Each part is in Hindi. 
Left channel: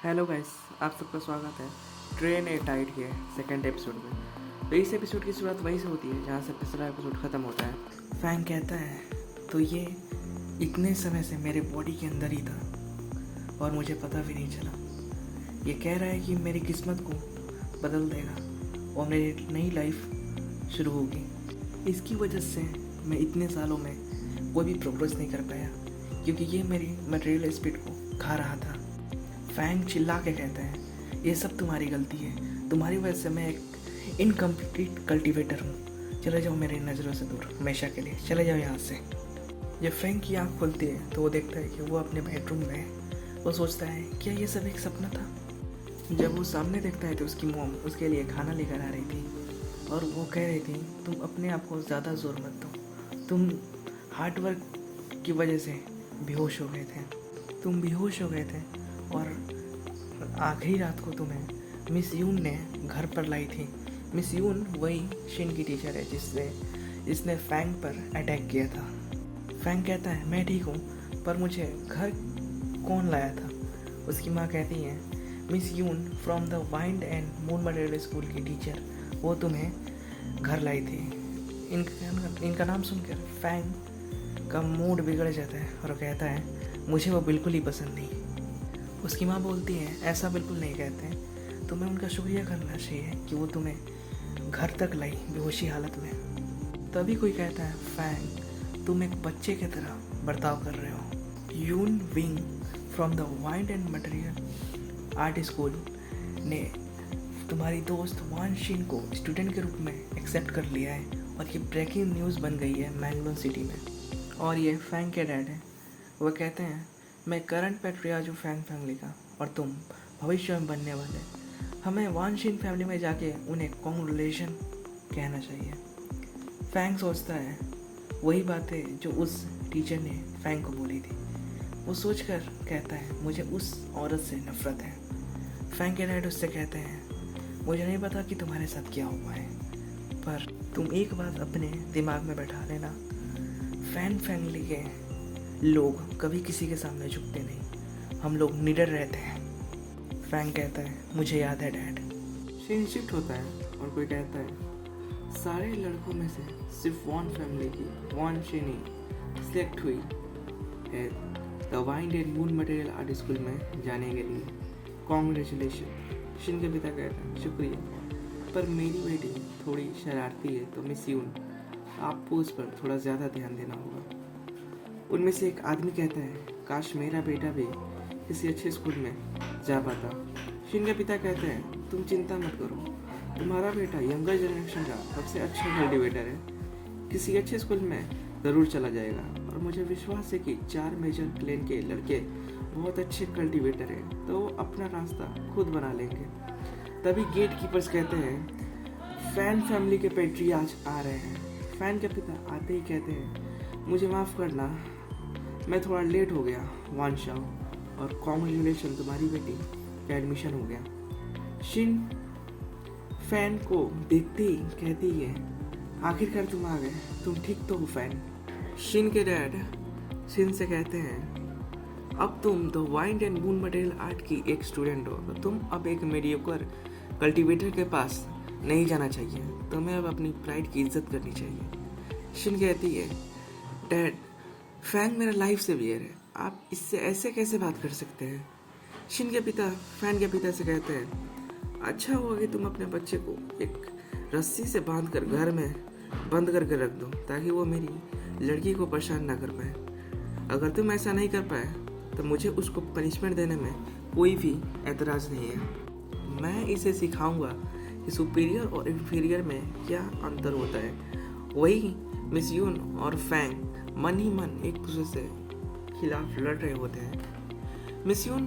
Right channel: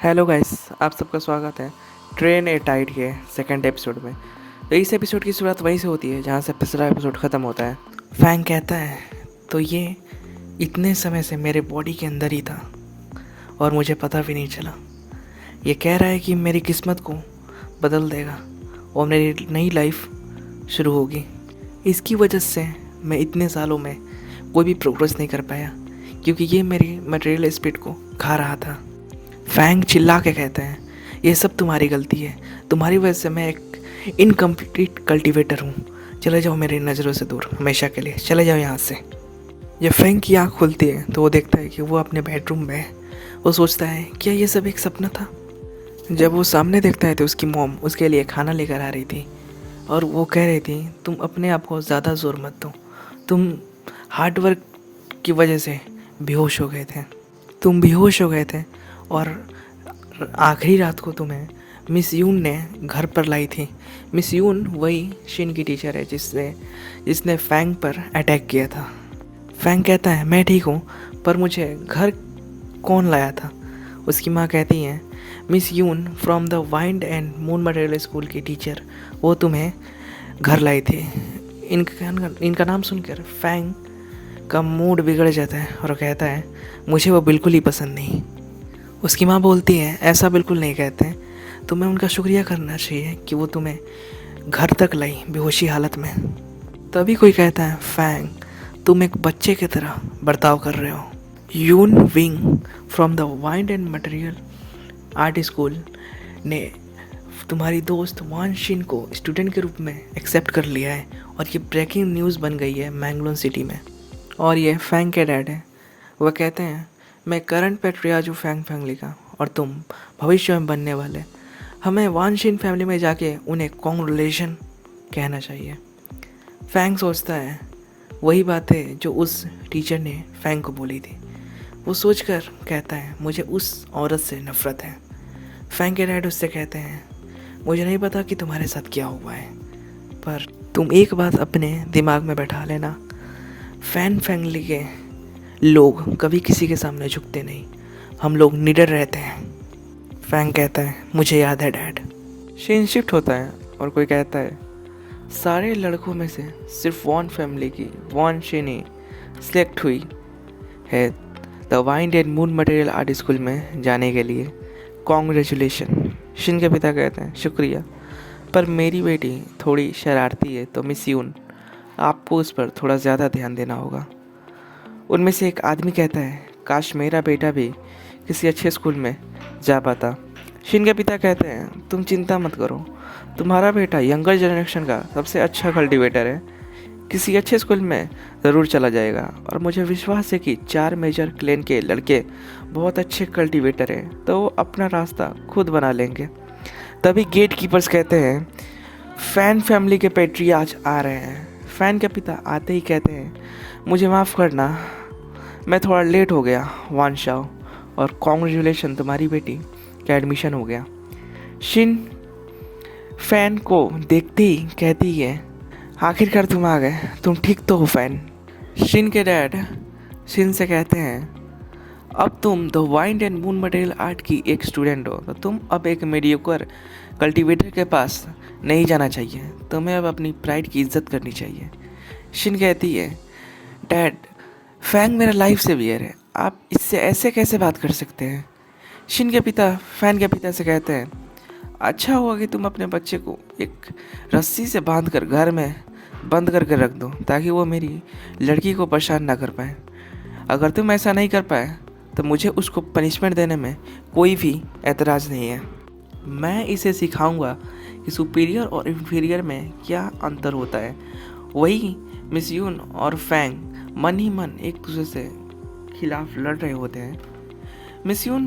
हेलो गाइस, आप सबका स्वागत है ट्रेन ए टाइड के सेकंड एपिसोड में। तो इस एपिसोड की शुरुआत वहीं से होती है जहाँ से पिछला एपिसोड ख़त्म होता है। फैंग कहता है, तो ये इतने समय से मेरे बॉडी के अंदर ही था और मुझे पता भी नहीं चला। ये कह रहा है कि मेरी किस्मत को बदल देगा और मेरी नई लाइफ शुरू होगी। इसकी वजह से मैं इतने सालों में कोई भी प्रोग्रेस नहीं कर पाया क्योंकि ये मेरी मटेरियल स्पीड को खा रहा था। फैंग चिल्ला के कहते हैं, ये सब तुम्हारी गलती है, तुम्हारी वजह से मैं एक इनकम्प्लीट कल्टीवेटर हूँ। चले जाओ मेरी नज़रों से दूर, हमेशा के लिए चले जाओ यहाँ से। जब फैंग की आँख खुलती है तो वो देखता है कि वो अपने बेडरूम में है। वो सोचता है, क्या ये सब एक सपना था? जब वो सामने देखता है तो उसकी मॉम उसके लिए खाना लेकर आ रही थी और वो कह रही थी, तुम अपने आप को ज़्यादा ज़ोर मत दो, तुम हार्ड वर्क की वजह से बेहोश हो गए थे। तुम बेहोश हो गए थे और आखिरी रात को तुम्हें मिस यून ने घर पर लाई थी। मिस यून वही शिन की टीचर है जिसने फैंग पर अटैक किया था। फैंग कहता है, मैं ठीक हूँ, पर मुझे घर कौन लाया था? उसकी माँ कहती है, miss Yun from the wind and moon material school की टीचर, वो तुम्हें घर लाई थी। इनका नाम सुनकर फैंग का मूड बिगड़ जाता है और कहता है, मुझे वो बिल्कुल ही पसंद नहीं। उसकी माँ बोलती है, ऐसा बिल्कुल नहीं कहते, तुम्हें उनका शुक्रिया करना चाहिए कि वो तुम्हें घर तक लाई बेहोशी हालत में। तभी कोई कहता है, फैंग तुम एक बच्चे की तरह बर्ताव कर रहे हो। Yun wing from the wind and material art school ने तुम्हारी दोस्त वान शिन को स्टूडेंट के रूप में एक्सेप्ट कर लिया है और ये ब्रेकिंग न्यूज़ बन गई है मैंगलोर सिटी में। और ये फैंग के डैड हैं। वह कहते हैं, मैं करंट पैट्रियार्च हूँ फैंग फैमिली का और तुम भविष्य में बनने वाले। हमें वानशिन फैमिली में जाके उन्हें कॉन्ग्रेचुलेशन कहना चाहिए। फैंग सोचता है वही बात है जो उस टीचर ने फैंग को बोली थी। वो सोचकर कहता है, मुझे उस औरत से नफ़रत है। फैंग के डैड उससे कहते हैं, मुझे नहीं पता कि तुम्हारे साथ क्या हुआ है, पर तुम एक बात अपने दिमाग में बैठा लेना, फैन फैमिली के लोग कभी किसी के सामने झुकते नहीं, हम लोग निडर रहते हैं। फैंग कहता है, मुझे याद है डैड। सीन शिफ्ट होता है और कोई कहता है, सारे लड़कों में से सिर्फ वॉन फैमिली की वॉन शिनी सिलेक्ट हुई है the wind and moon material art school में जाने के लिए। कॉन्ग्रेचुलेशन। शिन के पिता कहते हैं, शुक्रिया, पर मेरी बेटी थोड़ी शरारती है तो मिस यून आपको उस पर थोड़ा ज़्यादा ध्यान देना होगा। उनमें से एक आदमी कहता है, काश मेरा बेटा भी किसी अच्छे स्कूल में जा पाता। शिन के पिता कहते हैं, तुम चिंता मत करो, तुम्हारा बेटा यंगर जनरेशन का सबसे अच्छा कल्टीवेटर है, किसी अच्छे स्कूल में ज़रूर चला जाएगा और मुझे विश्वास है कि 4 मेजर क्लेन के लड़के बहुत अच्छे कल्टीवेटर हैं तो वो अपना रास्ता खुद बना लेंगे। तभी गेट कीपर्स कहते हैं, फैन फैमिली के पैट्रियार्च आ रहे हैं। फैन के पिता आते ही कहते हैं, मुझे माफ़ करना, मैं थोड़ा लेट हो गया वान शाओ, और कॉन्ग्रेचुलेशन, तुम्हारी बेटी का एडमिशन हो गया। शिन फैन को देखते ही कहती है, आखिरकार तुम आ गए, तुम ठीक तो हो फैन। शिन के डैड शिन से कहते हैं, अब तुम the wind and moon material art की एक स्टूडेंट हो तो तुम अब एक मीडियोकर कल्टीवेटर के पास नहीं जाना चाहिए, तुम्हें अब अपनी प्राइड की इज्जत करनी चाहिए। शिन कहती है, डैड फैंग मेरा लाइफ सेवियर है, आप इससे ऐसे कैसे बात कर सकते हैं? शिन के पिता फैन के पिता से कहते हैं, अच्छा हुआ कि तुम अपने बच्चे को एक रस्सी से बांध कर घर में बंद करके रख दो ताकि वो मेरी लड़की को परेशान ना कर पाए। अगर तुम ऐसा नहीं कर पाए तो मुझे उसको पनिशमेंट देने में कोई भी एतराज़ नहीं है। मैं इसे सिखाऊंगा कि सुपीरियर और इंफीरियर में क्या अंतर होता है। वही मिस यून और फैंग मन ही मन एक दूसरे से खिलाफ लड़ रहे होते हैं। मिस यून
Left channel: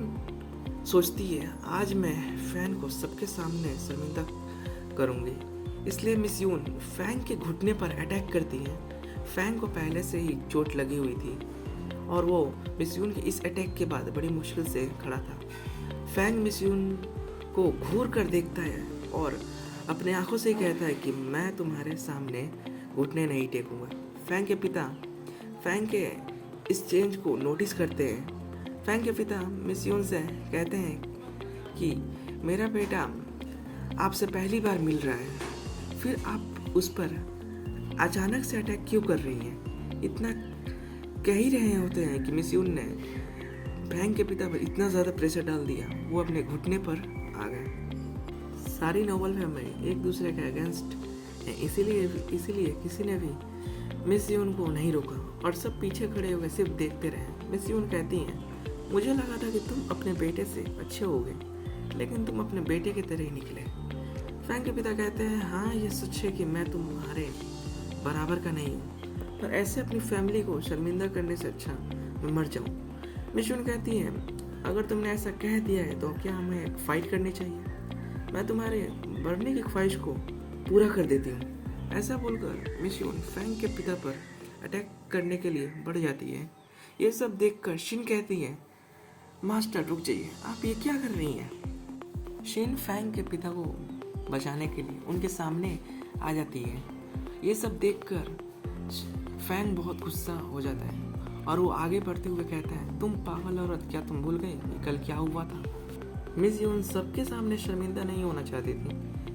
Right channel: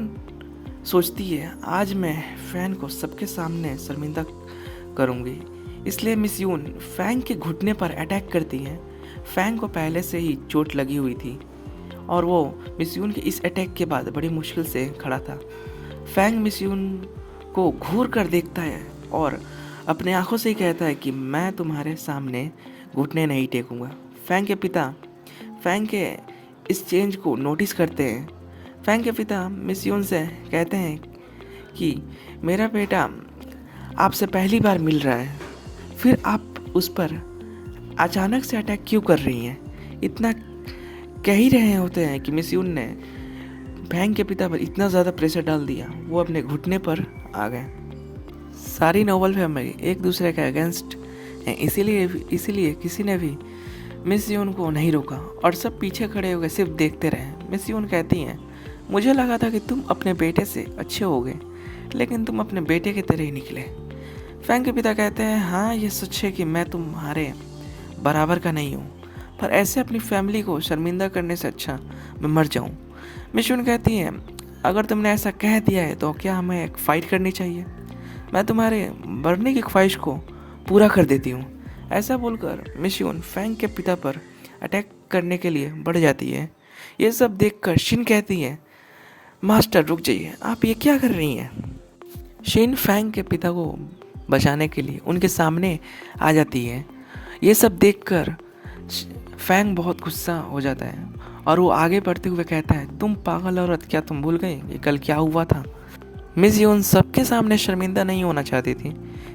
सोचती है, आज मैं फैन को सबके सामने शर्मिंदा करूंगी, इसलिए मिस यून फैंग के घुटने पर अटैक करती है। फैंग को पहले से ही चोट लगी हुई थी और वो मिस यून के इस अटैक के बाद बड़ी मुश्किल से खड़ा था। फैंग मिस यून को घूर कर देखता है और अपने आंखों से ही कहता है कि मैं तुम्हारे सामने घुटने नहीं टेकूंगा। फैंग के पिता फैंग के इस चेंज को नोटिस करते हैं। फैंग के पिता मिस यून से कहते हैं, कि मेरा बेटा आपसे पहली बार मिल रहा है, फिर आप उस पर अचानक से अटैक क्यों कर रही हैं? इतना कह ही रहे होते हैं कि मिस यून ने फैंग के पिता पर इतना ज़्यादा प्रेशर डाल दिया, वो अपने घुटने पर आ गए। सारी नोबल फैमिली एक दूसरे के अगेंस्ट हैं, इसीलिए किसी ने भी मिस यून को नहीं रोका और सब पीछे खड़े होकर सिर्फ देखते रहे। मिस यून कहती हैं, मुझे लगा था कि तुम अपने बेटे से अच्छे होगे, लेकिन तुम अपने बेटे की तरह ही निकले। फैंग के पिता कहते हैं, हाँ ये सच है कि मैं तुम्हारे बराबर का नहीं हूँ, पर ऐसे अपनी फैमिली को शर्मिंदा करने से अच्छा मैं मर जाऊँ। मिस यून कहती हैं, अगर तुमने ऐसा कह दिया है तो क्या हमें एक फ़ाइट करनी चाहिए? मैं तुम्हारे मरने की ख्वाहिश को पूरा कर देती हूँ। ऐसा बोलकर मिस यून फैंग के पिता पर अटैक करने के लिए बढ़ जाती है। ये सब देखकर शिन कहती है, मास्टर रुक जाइए, आप ये क्या कर रही हैं? शिन फैंग के पिता को बचाने के लिए उनके सामने आ जाती है। ये सब देखकर फैंग बहुत गुस्सा हो जाता है और वो आगे बढ़ते हुए कहता है, तुम पागल औरत, क्या तुम भूल गई कि कल क्या हुआ था? मिस यून सबके सामने शर्मिंदा नहीं होना चाहती थी,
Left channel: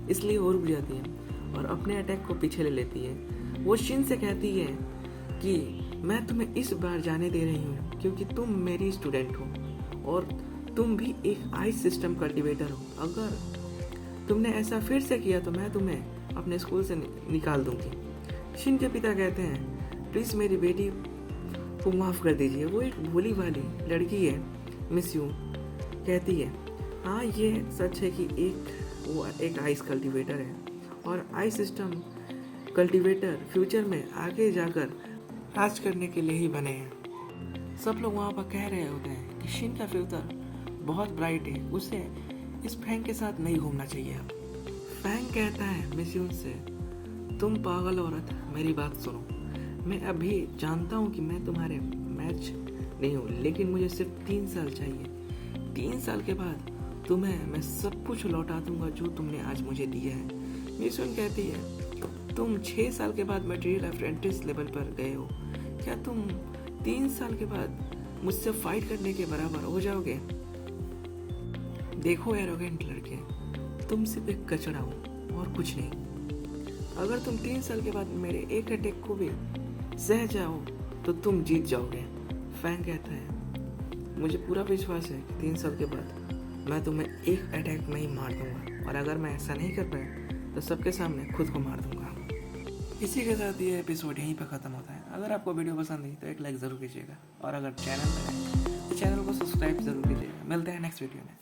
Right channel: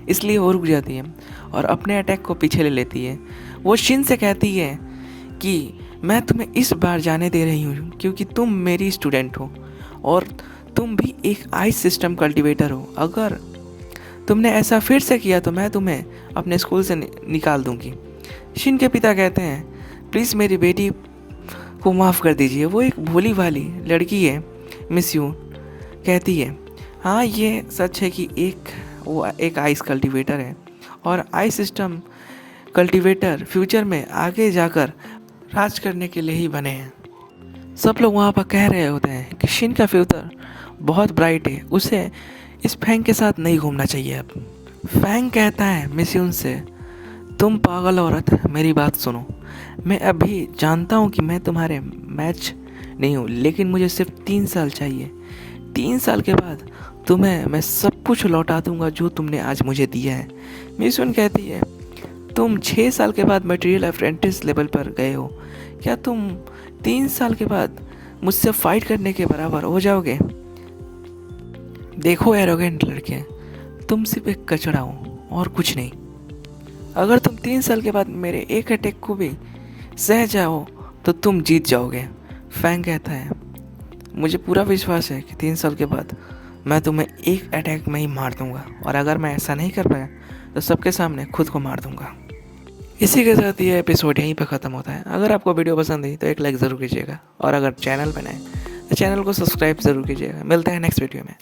इसलिए वो रुक जाती है और अपने अटैक को पीछे ले लेती है। वो शिन से कहती है कि मैं तुम्हें इस बार जाने दे रही हूँ क्योंकि तुम मेरी स्टूडेंट हो और तुम भी एक आइस सिस्टम कल्टीवेटर हो। अगर तुमने ऐसा फिर से किया तो मैं तुम्हें अपने स्कूल से निकाल दूंगी। शिन के पिता कहते हैं, प्लीज़ मेरी बेटी को माफ़ कर दीजिए, वो एक भोली भाली लड़की है। मिस यून कहती है, हाँ ये सच है कि वो एक आइस कल्टीवेटर है और आइस सिस्टम कल्टीवेटर फ्यूचर में आगे जाकर राज करने के लिए ही बने हैं। सब लोग वहाँ पर कह रहे होते हैं कि शिन का फ्यूचर बहुत ब्राइट है, उसे इस फैंग के साथ नहीं घूमना चाहिए। अब फैंग कहता है मिस यून से, तुम पागल औरत, मेरी बात सुनो। मैं अभी जानता हूँ कि मैं तुम्हारे मैच नहीं हूँ, लेकिन मुझे सिर्फ 3 साल चाहिए। 3 साल के बाद तुम्हें मैं सब कुछ लौटा दूंगा जो तुमने आज मुझे दिया है। मिस यून कहती है, तुम 6 साल के बाद मटेरियल अप्रेंटिस लेवल पर गए हो, क्या तुम 3 साल के बाद मुझसे फाइट करने के बराबर हो जाओगे? देखो एरोगेंट लड़के, तुम सिर्फ एक कचरा हो और कुछ नहीं। अगर तुम 3 साल के बाद मेरे एक अटैक को भी सह जाओ तो तुम जीत जाओगे। फैंग कहता है, मुझे पूरा विश्वास है कि 3 साल के बाद मैं तुम्हें एक अटैक में ही मार दूंगा और अगर मैं ऐसा नहीं कर पाया तो सबके सामने खुद को मार दूंगा। इसी के साथ ये एपिसोड यहीं पर ख़त्म होता है। अगर आपको वीडियो पसंद आई तो एक लाइक ज़रूर कीजिएगा और अगर चैनल पर नए तो चैनल को सब्सक्राइब ज़रूर कीजिएगा। मिलते हैं नेक्स्ट वीडियो में।